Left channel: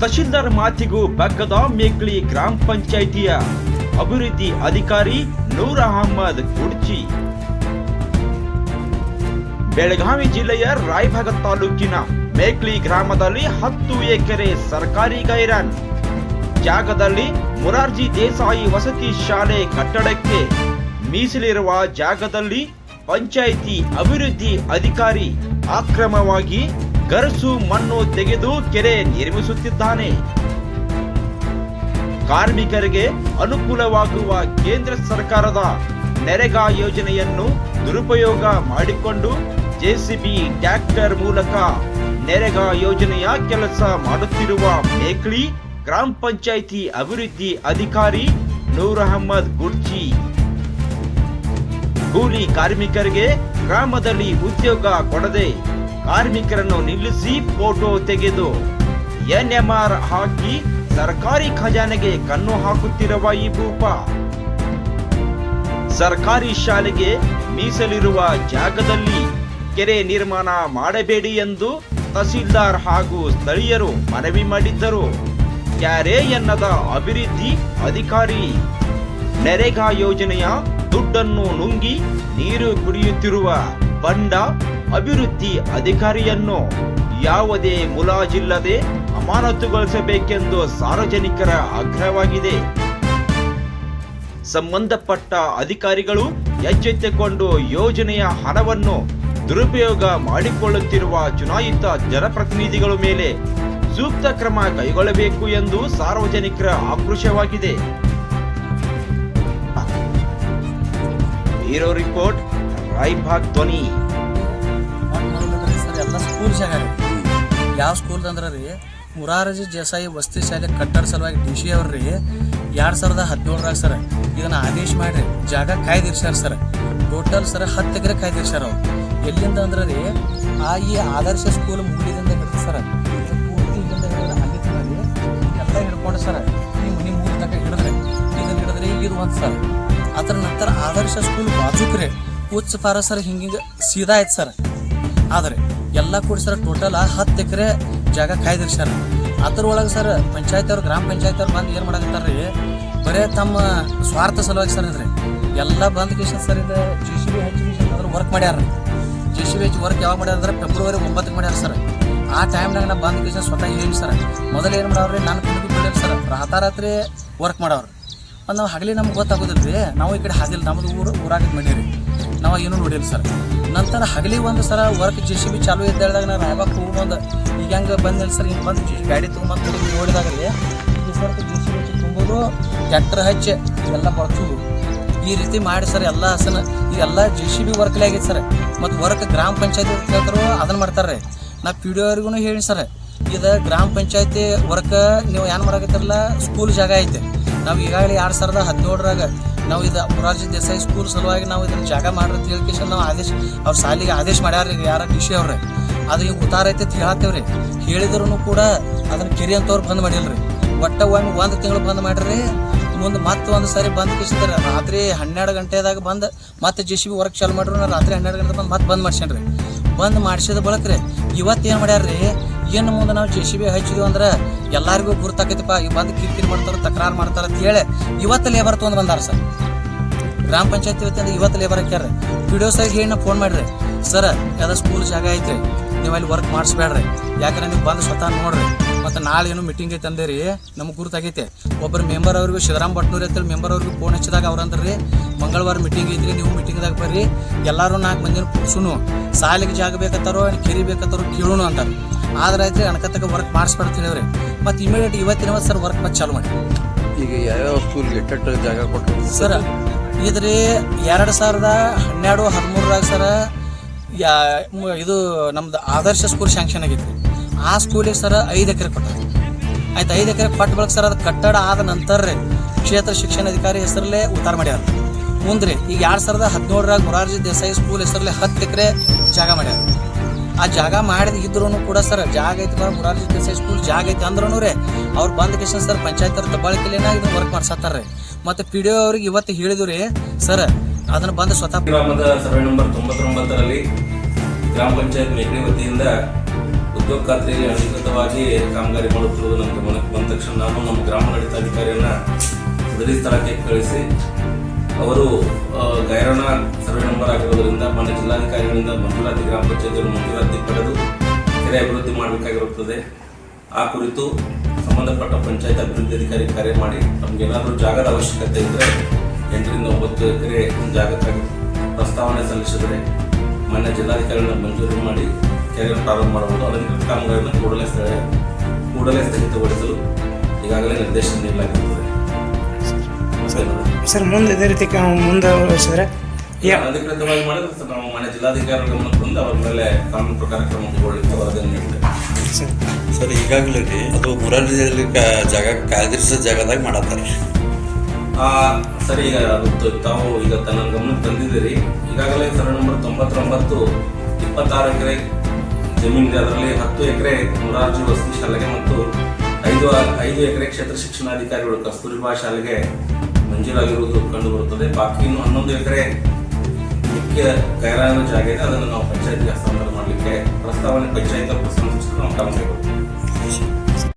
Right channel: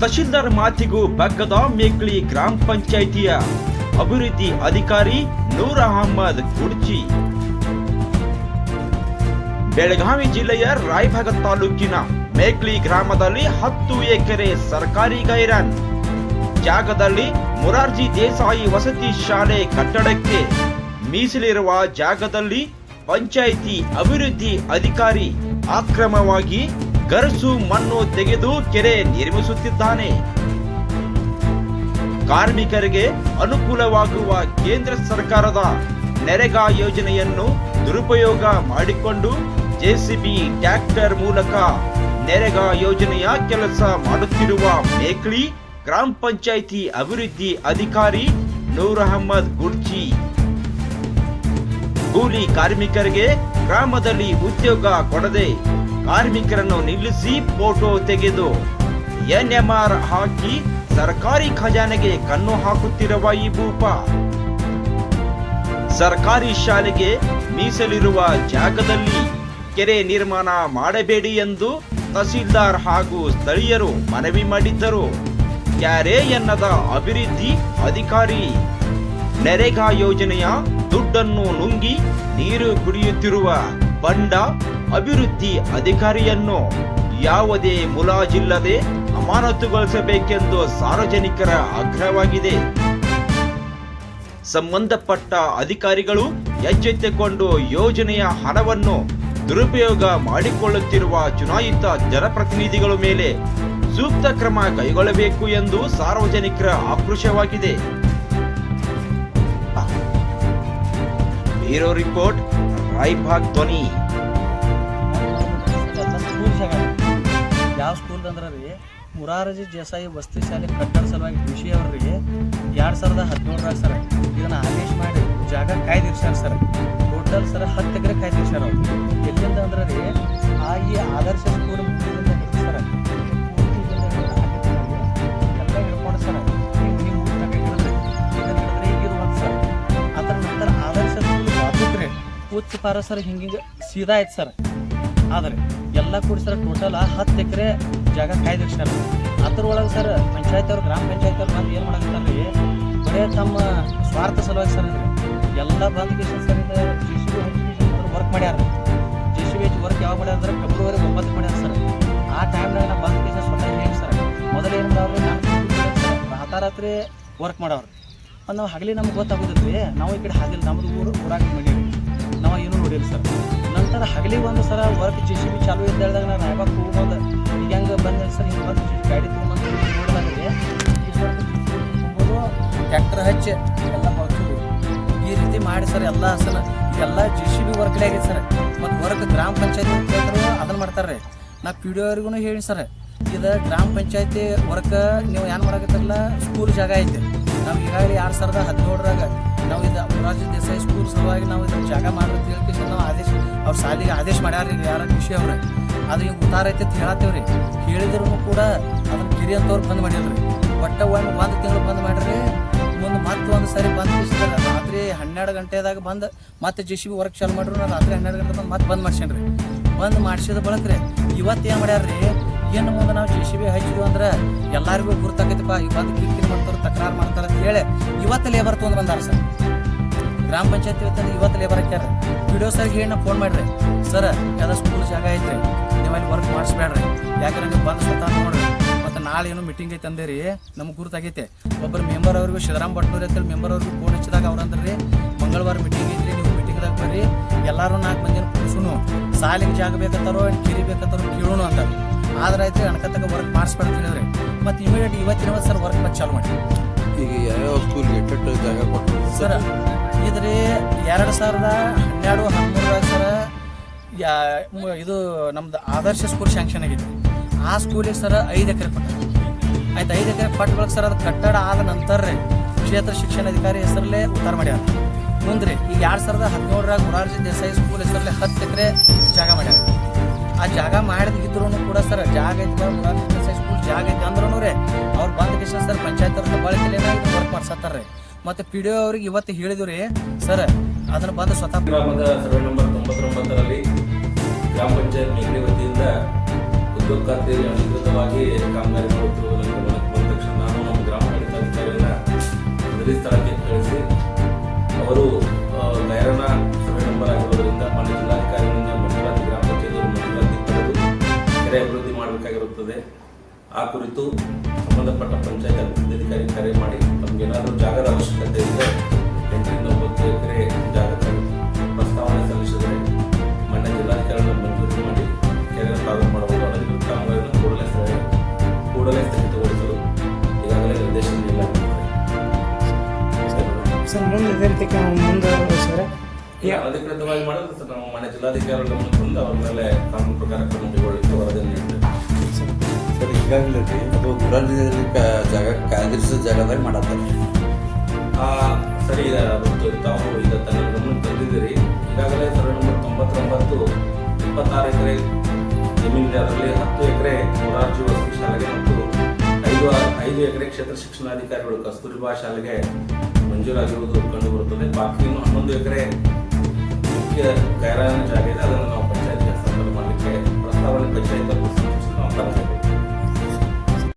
ತಹಶೀಲ್ದಾರ್ ಮಾತಿಗೂ ಬಗ್ಗದ ಮೇಕ್ಳಿ ಗ್ರಾಮ ಪಂಚಾಯಿತಿಯ ಅಭಿವೃದ್ಧಿ ಅಧಿಕಾರಿ ನೂರ್ ಅಹಮದ್ ಕುಡ್ಚಿ ಬೆಳಗಾವಿ ಜಿಲ್ಲೆಯ ರಾಯಭಾಗ ತಾಲೂಕಿನ ಮೇಕ್ಳಿ ಗ್ರಾಮದಲ್ಲಿ ಹತ್ತು ಎಕರೆ ಸರ್ಕಾರಿ ಗೈರನ್. ಜಾಗದಲ್ಲಿ ಮುರಾರ್ಜಿ ದೇಸಾಯಿ ವಸತಿ ಶಾಲೆ ಕಟ್ಟಡಕ್ಕೆ ಮೀಸಲಿರುವ ಜಾಗದಲ್ಲಿ ಪಂಚಾಯಿತಿ ಅಭಿವೃದ್ಧಿ ಅಧಿಕಾರಿ ಅಕ್ರಮವಾಗಿ ಗರಸು ಮಣ್ಣು ತೆಗೆದು ಕೆರೆ ನಿರ್ಮಿಸುತ್ತಿದ್ದಾನೆ. ಕಾರ್ಮಿಕರಿಗೆ ಅನುಕೂಲವಾಗುವ ಕೇಂದ್ರ ಸರ್ಕಾರದ ನೆರೆಗಾ ಯೋಜನೆಯನ್ನು ದುರುಪಯೋಗ ಮಾಡಿಕೊಂಡು ಜೆಸಿಬಿ ಟ್ರ್ಯಾಕ್ಟರ್ ಮೂಲಕ ನೆರೆಗಾ ಯೋಜನೆಯ ಕೆಲಸ ಮಾಡುತ್ತಿರುವ ಮೇಕ್ಳಿ ಗ್ರಾಮ ಪಂಚಾಯಿತಿ ಅಭಿವೃದ್ಧಿ ಅಧಿಕಾರಿ ನೂರ್ ಅಹಮ್ಮದ್ ಗುರ್ಜಿ ಕೂಲಿ ಕಾರ್ಮಿಕರಿಗೆ ಗ್ರಾಮದಲ್ಲಿ ಉದ್ಯೋಗ ಕೊಡದೆ ಕಾರ್ಮಿಕರನ್ನು ನಿಲ್ಲಿಸಿ ಫೋಟೋ ತೆಗೆದು ಎನ್ಎಂಆರ್ ಹಾಕಿ ಸರ್ಕಾರಿ ಖಜಾನೆಗೆ ಕಣ್ಣು ಹಾಕುತ್ತಿರುವ ಈ ಭೂಪ. ಸರ್ಕಾರಿ ಶಾಲೆಗೆ ಮೀಸಲಿರುವ ಜಾಗದಲ್ಲಿ ಕೆರೆ ನಿರ್ಮಾಣ ಮಾಡಬೇಡಿ ಎಂದು ತಹಸೀಲ್ದಾರ್ ಹಾಗೂ ಸ್ಥಳೀಯರು ಮನವಿ ಮಾಡಿದ್ದರು. ಕ್ಯಾರೆ ಎನ್ನದ ಅಭಿವೃದ್ಧಿ ಅಧಿಕಾರಿ ನೆರೆಗಾ ಯೋಜನೆಯ ದುಡ್ಡನ್ನು ನುಂಗಿ ನೀರು ಕುಡಿಯುತ್ತಿರುವ ಬಂಡ ಅಭಿವೃದ್ಧಿ ಅಧಿಕಾರಿಯನ್ನು ಯಾವುದೇ ಮುಲಾಜಿಲ್ಲದೆ ಅಮಾನತುಗೊಳಿಸಬೇಕೆಂದು ಸಾರ್ವಜನಿಕರ ಆಗ್ರಹವಾಗಿದೆ. ಸಂಬಂಧಪಟ್ಟ ಅಧಿಕಾರಿಗಳು ಎಚ್ಚೆತ್ತುಕೊಂಡು ಯೋಜನೆಯ ಹಣವನ್ನು ದುರುಪಯೋಗ ಮಾಡಿಕೊಳ್ಳುತ್ತಿರುವ ಚುನಾಯಿತ ಜನಪ್ರತಿನಿಧಿಗಳ ಮೇಲೆ ಸೂಕ್ತ ಕ್ರಮ ಕೈಗೊಳ್ಳಬೇಕು ಎಂದು ಸಾರ್ವಜನಿಕರ ಆಕ್ರೋಶವಾಗಿದೆ. ಬ್ಯೂರೋ ರಿಪೋರ್ಟ್, ರಾಯ್ಭಾಗ್ ಧ್ವನಿ. ಮುರಾರಜಿ ದೇಸಾಯಿ ವಸತಿ ಶಾಲೆ ಕಟ್ಟಡ ಸಲುವಾಗಿ ಡಿ ಸಿ ಅವರಿಗೆ ಎರಡು ಸಾವಿರದ ಹದಿನೇಳರಾಗ ಸರ್, ಇದನ್ನು ಆದೇಶ ಮಾಡಿ ಜಾಗ ಕಾಯ್ದಿರ್ಸ್ಯಾರ ಸರ್. ಟೋಟಲ್ ಸರ್, ಹತ್ತು ಎಕರೆ ಕಾಯ್ದಿರ್ಸ್ಯಾರ ಅವರು. ಎಲ್ಲಿಂದ ಅಂದ್ರೆ ರೀ ಆ ಈ ಆದರ್ಶ ಸ್ಕೂಲ್ ಮುಗಿದಿಂದ ಹಿಡಿದು ಸರ್ ಹಿಂಗಿಂಗೆ ಸೀದಾ ಆಯ್ತು ಸರ್. ಆದರೆ ಎಲ್ಲ ಕೂಡ ಸರ್ ಟೋಟಲ್ ಹತ್ತು ಎಕರೆ ಜಾಗ ಕಾಯ್ದಿರ್ಸ್ಯಾರ. ಅದ್ರೊಳಗೆ ಸರ್ ಪಂಚಾಯತ್ ಅವ್ರು ಗ್ರಾಮ ಪಂಚಾಯತ್ ಅವ್ರು ಬಂದು ಏನು ಮಾಡಕತ್ತಾರ ರೀ? ಬರೇ ತಮ್ಮ ಸ್ವಾರ್ಥ ಸಲುವಾಗಿ ಸರ್ ಅಂದ್ರೆ ಎಲ್ಲ ಬಂದ್ Kishan sir J C B work ಮಾಡ್ಯಾರ ಜಿ ಸಿ ಬಿ ವರ್ಕ್ ಯಾವಾಗ ಮಾಡ್ಯಾರ ಅಂದ್ರೆ ಫೆಬ್ರವರಿ ಒಂಬತ್ತಕ್ಕೆ ಮಾಡ್ಯಾರ ಸರ್. ಆ ಟೈಮ್ನಾಗ ನಾ ಬಂದ್ ಕಿಶನ್ ಸ್ವತಃ ಏನು ಸರ್. ಮೊದಲು ಏನು ಮಾಡವ್ರಿ ನಾನು ಸರ್, ರಾತಾರಾತ್ರಿ ವರ್ಕ್ ಮಾಡವ್ರು. ಮತ್ತು ನಾವು ಹಗಲಿ ನಮ್ಗೆ ಗೊತ್ತಾಗೋದಿಲ್ಲ ರೀ. ನಾವು ಈ ಕಡೆ ಹಾದಿಲ್ಲ ನಮ್ಮದು ಊರು ಊರಾಗ ಮಾಡೀರಿ ನಾವು ಏನೂ ನೋಡಿಲ್ಲ ಸರ್. ನಂತರ ಹಗಲಿ ಒಂದು ಸಲ ವರ್ಕ್ ಜಿ ಸಿ ಬಿ ಚಾಲು ಇದ್ದಾಗ ನಾನು ಸರ್ ಬಂದು ಗಾಡಿ ತೊಗೊಂಬಂದು ತುಂಬೋದು ಹಚ್ಚಿ ಎಲ್ಲ ಬಳಸೋದು ಈ ರೀತಿ ಮಾಡಿ ಸರ್ ಎಲ್ಲ ಹಸನ ಇದೆಲ್ಲ ಜೆ ಸಿ ಬಿ ವರ್ಕ್ಲೇ ಆಗೈತೆ ಸರ್. ಮತ್ತು ವರ್ಕ್ ಗ್ರಾಮ ಪಂಚಾಯತಿ ಹೇಳ್ತಾರೋ ಅದನ್ನು ಮಾಡ್ತಾರೆ ನಾ ಪಿ ಡಿ ಅವ್ರಿಗೂ ಹೇಳಿ ಸರ್. ಇದು ಗ್ರಾಮ ಪಂಚಾಯತಿ ವರ್ಕ್ ನೀವು ಏನು ಮಾಡಕತ್ತಿರಲ್ಲ ಸ್ಕೂಲ್ ಜಾಗ ಐತೆ. ನಾವು ಈಗಾಗಲೇ ಎರಡು ಸಾವಿರದ ಹದಿನೇಳರಾಗ ನಾವು ಇದು ಮುರಾರ್ಜಿ ದೇಸಾಯಿ ಸ್ಕೂಲ್ ಸಲುವಾಗಿ ನಾವು ಇದನ್ನು ಜಾಗ ಮಾಡ್ರಿ ಅಂತ ನಾವು ಆದೇಶ ಅವ್ರ ಸಾಲಿಗೆ ಆದೇಶ ಮಾಡ್ಯಾರ ಯಾರ ಡಿಶಿ ಅವ್ರೆ. ಅದು ಈಗ ಉತ್ತಾರ ಐತೆ ಅಂತ ಹೇಳತ್ತೇವ್ರಿ ಹೇಳಿದ್ರು ಕೂಡ ಅದನ್ನ ಕಿರಿ ಅಂತವ್ರು ಬಂದ್ ಮಾಡಿಲ್ರಿ. ಬಟ್ಟ ಒಮ್ಮೆ ಒಂದು ತಿಂಗಳು ಬಂದ್ ಮಾಡ್ರಿ, ಮುಂದೆ ಮತ್ತೆ ಒಂದು ಸಾರಿ ಬಂದ್ ಬಿಸ್ತಾರೆ ರಾತ್ರಿ ಹನ್ನೆರಡು ಗಂಟೆದಾಗ ಬಂದು ಮತ್ತೆ ಜೆ ಸಿ ಬಿ ವರ್ಕ್ ಚಾಲು ಮಾಡ್ರಿ ನಾ ರಾತ್ರಿ ಹನ್ನೆರಡು ಗಂಟೆ ಬಂದು ಮತ್ತೆ ಬಂದ್ ಮಾಡ್ಸ್ಯಾನ್ರಿ. ಬಂದ್ ಮಾಡಿಸಿದ ಬಳಕ್ರಿ ಇವತ್ತು ಏನು ಮಾಡ್ಯಾರ್ರಿ ಏನು ಮುಂದೆ ನಾವು ಜೆ ಸಿ ಬಿ ಹಚ್ಚಿದ್ವಿ ಅಂದ್ರೆ ಎಲ್ಲರಿಗೂ ಗುರ್ತಾಕೈತಪ್ಪ, ಈ ಬಂದು ಕಿರಿಕಿರಿ ಮಾಡ್ತಾರೆ, ತಕರಾರು ಮಾಡ್ತಾರೆ ಅಂತ ಹೇಳಿ ಇವತ್ತು ಲೇಬರ್ ತೊಗೊಂಡು ಬಂದಾರ ಸರ್. ಗ್ರಾಮ ಪಂಚಾಯತಿ ಇವತ್ತು ಇವತ್ತು ಲೇಬರ್ ಹಾಕ್ಯಾರ ವಿಡಿಯೋ ಸರ್ ಹೇಳಿ ಫೋನ್ ಮಾಡ್ರಿ. ಸರ್ ಎಲ್ಲ ಸ್ಕೂಲ್ ಜಾಗ ಐತ್ರಿ. ನೀವು ಅಲ್ಲಿ ವರ್ಕ್ ಮಾಡಿಸ್ಬೇಡ್ರಿ. ಯಾಕಂದ್ರೆ ನೀವು ಬಂದು ಸ್ವತಃ ನೋಡ್ರಿ. ಮತ್ತು ನಾಳೆ ಏನು ಮೀಟಿಂಗ್ ಐತೆ ಅಂದೇರಿ ನಮ್ಗೆ ಗುರುತಾಗೈತೆ. ಒಬ್ಬರು ಮೆಂಬರ್ ಅವ್ರಿಗೂ ಶಿವರಾಮ್ ಭಟ್ನೂರ್ ಅಂತೇಳಿ ಮೆಂಬರ್ ಅವ್ರಿಗೆ ಫೋನ್ ಹಚ್ಚಿದಾಗ ಅವ್ರು ರೀ ಮಂಗಳವಾರ ಮೀಟಿಂಗ್ ಐತ್ರಿ ನೀವು ಮೀಟಿಂಗ್ದಾಗ ಬರ್ರಿ. ಎಲ್ಲರೂ ನಾಲ್ಕು ಮಂದಿನ ಕೂಡ್ಸುನು. ಸಾಲಿಗೆ ಜಾಗ ಬೇಕತ್ತಾರೋ ಕೆರಿ ಬೇಕತ್ತಾರೋ ಕೇಳೋಣ ಅಂತ ಆದ್ರೆ ಐತ್ರಿ ಅಣಕತ್ತಕ ವರ್ಕ್ ಮಾಡಿಸ್ಬೇಡ ಅಂತ ಹೇಳಿವ್ರಿ ಮತ್ತು ಇಮಿಡಿಯೇಟ್ ಇವತ್ತಿನ ಸರ್ ವರ್ಕ್ ಮತ್ತೆ ಚಾಲು ಮಾಡಿ. ಈಗ ಯಾವ್ಯಾವ ಸ್ಕೂಲ್ಗೆ ಎಟ್ಟೆಟ್ಟು ಜಾಗ ಕೊಟ್ಟರು ಸರ್ ಇದ್ರಿ ಎರಡು ಸಾವಿರದ ಹನ್ನೆರಡು ಹದಿಮೂರರಾಗ ಸರ ಯಾ ಇದು ನಮ್ದು ಆದರ್ಶ ಸ್ಕೂಲ್ ಶಾಂಕ್ಷನ್ ಆಗಿತ್ತು. ಆ ಸ್ಕೂಲಿಗೆ ಸರ್ ಐದು ಎಕರೆ ಕೊಟ್ಟ ಆಯ್ತು, ಐದು ಎಕರೆ ಕೊಟ್ಟ ಬಳಕೆ ಸರ್ ಅದು ಕಟ್ಟಡ ಆದ ನಂತರ ಕ್ಷೇತ್ರ ಶಿಕ್ಷಣಾಧಿಕಾರಿ ಹೆಸರಲ್ಲೇ ಉತ್ತಾರ ಮಾಡ್ಯಾರ. ಮುಂದ್ರೆ ಈಗ ಎರಡು ಸಾವಿರದ ಹದಿನೇಳರಾಗ ಮೊರಾರ್ಜಿ ದೇಸಾಯಿ ಸ್ಕೂಲ್ ಹೆಸರಲ್ಲಿ ಹತ್ತು ಎಕರೆ ಜಾಗ ಮಾಡ್ಯಾರ. ಆ ಜಾಗ ಮಾಡಿದ ಇದ್ರೂ ಕೂಡ ಸರ್ ಜಾಗ ಐತಿ ಮುರಾರ್ಜಿ ದೇಸಾಯಿ ಸ್ಕೂಲ್ ಜಾಗ ಐತಿ ಅಂದ್ರೂ ರೀ ಅವ್ರು ಬಂದ ಕಿಶನ್ ಸರ್ ಪಂಚಾಯತ್ ಬಳಕೆ ಏನಾಗಿದೆ ವರ್ಕ್ ಮಾಡ್ಸತ್ತಾರ ರೀ ಮತ್ತು ಪಿ ಡಿ ಅವ್ರಿಗೆ ಇವತ್ತು ಹೇಳಿದ್ರು ರೀ, ಸರ್ ಅದನ್ನು ಬಂದು ಸ್ವತಃ ಗ್ರಾಮ ಪಂಚಾಯತ್ ಮೇಕಳಿ ವತಿಯಿಂದ ಉದ್ಯೋಗ ಖಾತ್ರಿಯಲ್ಲಿ ಅಧಿಕೃತವಾಗಿ ಕಾಮಗಾರಿ ಮಾಡುತ್ತಿರುವುದು ನಮಗೆ ತಕ್ಷಣ ನಾನು ನಮ್ಮ ಗ್ರಾಮಾಡಳಿತಾಧಿಕಾರಿಯನ್ನ ಸದರಿ ಸ್ಥಳಕ್ಕೆ ಕಳಿಸಿ, ಅವರು ಗೈರಾಣ ಸರ್ವೆ ನಂಬರ್ ಆಗಿರೋದ್ರಿಂದ ಮಾನ್ಯ ಜಿಲ್ಲಾಧಿಕಾರಿಗಳಿಂದ ಮಂಜೂರಾತಿ ಗ್ರಾಮ ಪಂಚಾಯತ್ ಮಂಜೂರಾತಿ ಪಡೆದು ಕೆರೆ ಅಭಿವೃದ್ಧಿ ಮಾಡಬೇಕಾಗಿರುತ್ತದೆ. ಆ ಕುರಿತು ಸರ್ ಮುಂದೆ ಇದೇ ರೀತಿ ಮುಂದೆ ಯಾ ಅಧಿಕೃತವಾಗಿ ಮಾಡಿದ್ರೆ ಸರ್ ನಾವು ಮನೆ ಜಿಲ್ಲಾಧಿಕಾರಿಗಳ ಮುಂದೆ ಅವ್ರ ಮೇಲೆ ಕಾನೂನು ಪ್ರಕಾರ ಕ್ರಮ ಸರ್ ಸರ್ ಈಗಾಗಲೇ ರೀ ಅದು ಕ- ಜಾಗ ಕಾಯ್ದಿರಿಸ ಜಾಗದಾಗ ಮಾಡತ್ತಾರೆ. ಆ, ಸರ್ ಈಗ ಅದು ತಾವು ಈಗ ತನ್ನ ಗಮನ ತಂದಿದ್ದೀರಿ. ಈಗಾಗಲೇ ಸರ್ ನಂಬರ್ ತೊಂಬತ್ತೊಂಬತ್ತು ಇಪ್ಪತ್ತಾರು ಎಕರೆ ಜಮೀನಿದೆ. ಅದರಲ್ಲಿ ಹತ್ತು ಎಕರೆ ಮೊರಾರ್ಜಿ ವಸತಿ ಶಾಲೆಗೆ ಮತ್ತು ಐದು ಐದು ಎಕರೆ ಕ್ಷೇತ್ರ ಶಿಕ್ಷಣಾಧಿಕಾರಿಗಳು ಕಸ್ತೂರಿಬಾ ಶಾಲೆಗೆ ಮಂಜೂರಾಗಿರುವುದು ಕಂಡು ಬರುತ್ತದೆ ಬಾಕಿ ಇನ್ನು ಹನ್ನೊಂದು ಎಕರೆ ಮುಖ್ಯ ಕೈರಾನ ಜಾಗ ಇದೆ. ಅದನ್ನು ನಾವು ಪಂಚಾಯತ್ಗೆ ಹಸ್ತಾಂತರ ಮಾಡಲಿಕ್ಕೆ ಪ್ರಸ್ತಾವನೆ ಪಂಚಾಯತ್ ನಾವು ಗಮನಿಸಿದ್ದೇವೆ